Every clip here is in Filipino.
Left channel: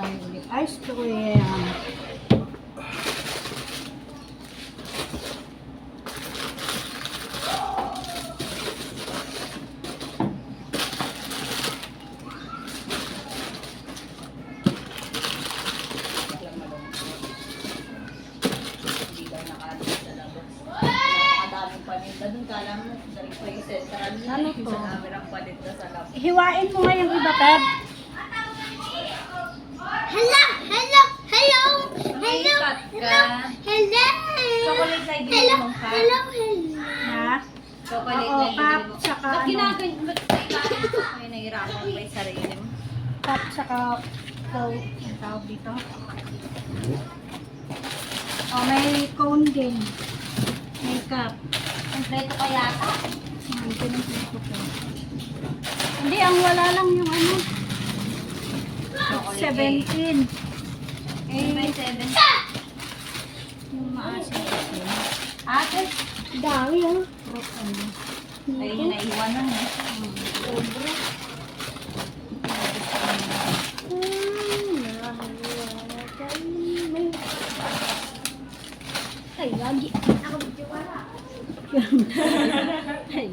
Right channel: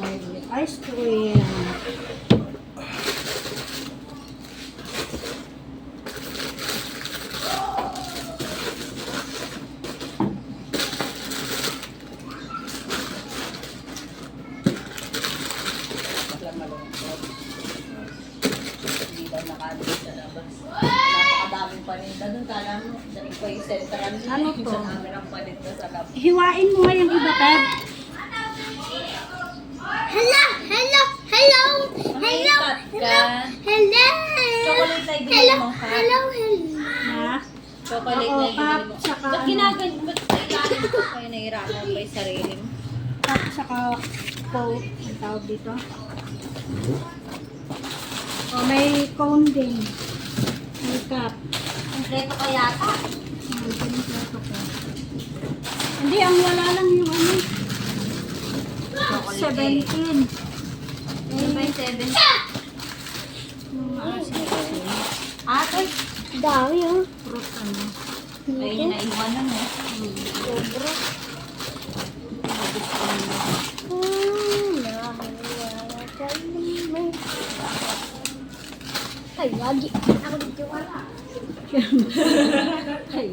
tayo ulit. Ice cream. Ano to? Hiwain mo nga yung iba, Ted. Hello, hello, hello, hello, ka. hello. Chocolate na ibigay Hello, mong cut. hello, hello. Ha? Chocolate na ibigay mo. Ba't ano? ginagan? Ba't kailangan ko kayo nahirapan pa yung sarili mo? Cup saka cone. Ang tawag dito. Oh, may cone din. May cup. Kompleto ka yata. Ang pinipleto ko. Hindi, ang wala lang yung. 17. Ano ba yung seven? Yung mga 17. Ate, Dami ah. Fruit ano. ayun eh. Sobra. Hmm, nahiwala kayo may... Ay, lagi. Ako dito wala. Ay,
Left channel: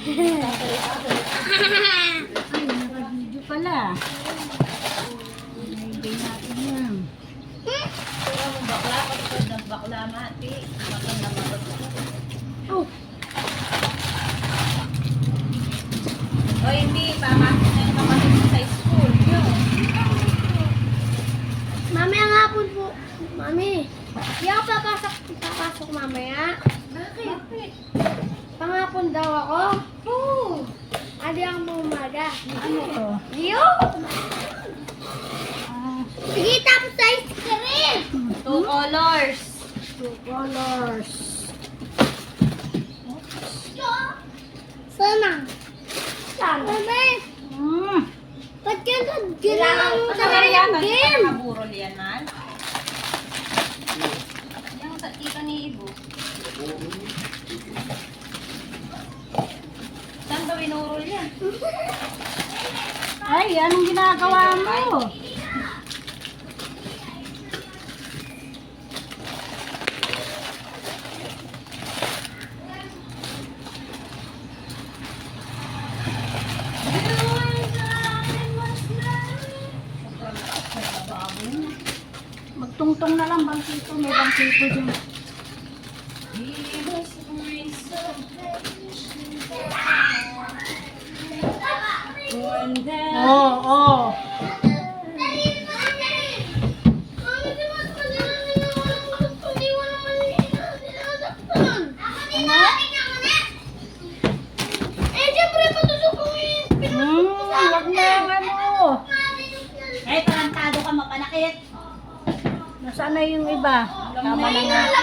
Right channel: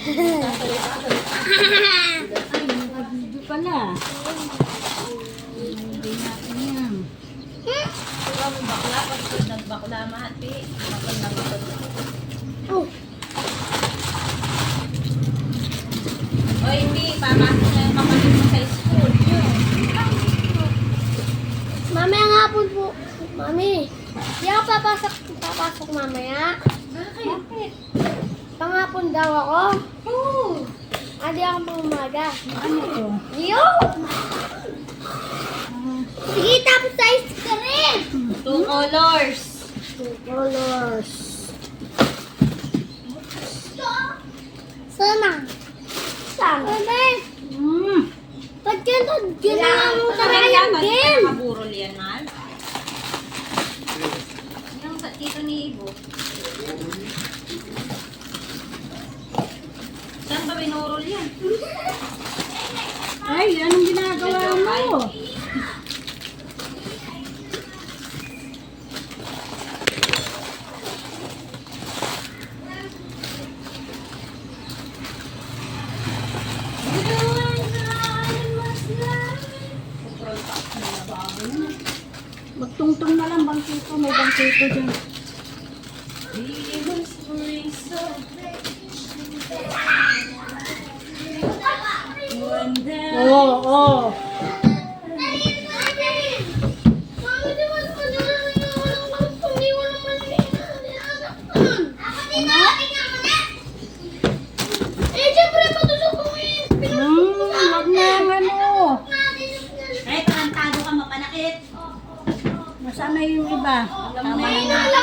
Ay, naka-video pala. Hindi natin yan. Kaya mo bakla, pagpag ng bakla mati. Bakal na bakal. Oh, O hindi, papasok na yung mo sa school. Yun. mamaya nga po po. Mami, di ako papasok, papasok mamaya. Bakit? Pangapon daw ako. Oo. Ah, di ako pumaga. Ano to? Yo! Sige, tapos sa ice cream. Two colors. two colors. Sana. Sana. Bebe, Mm. ba't? Ginawa mo talaga yung game. Ba binurol yan? Ay, anong ginagawa mo? Magtungtong na lang bangkito. May bangkito dyan. Ka mapanakit. Nasaan na yung iba? Tama na nga.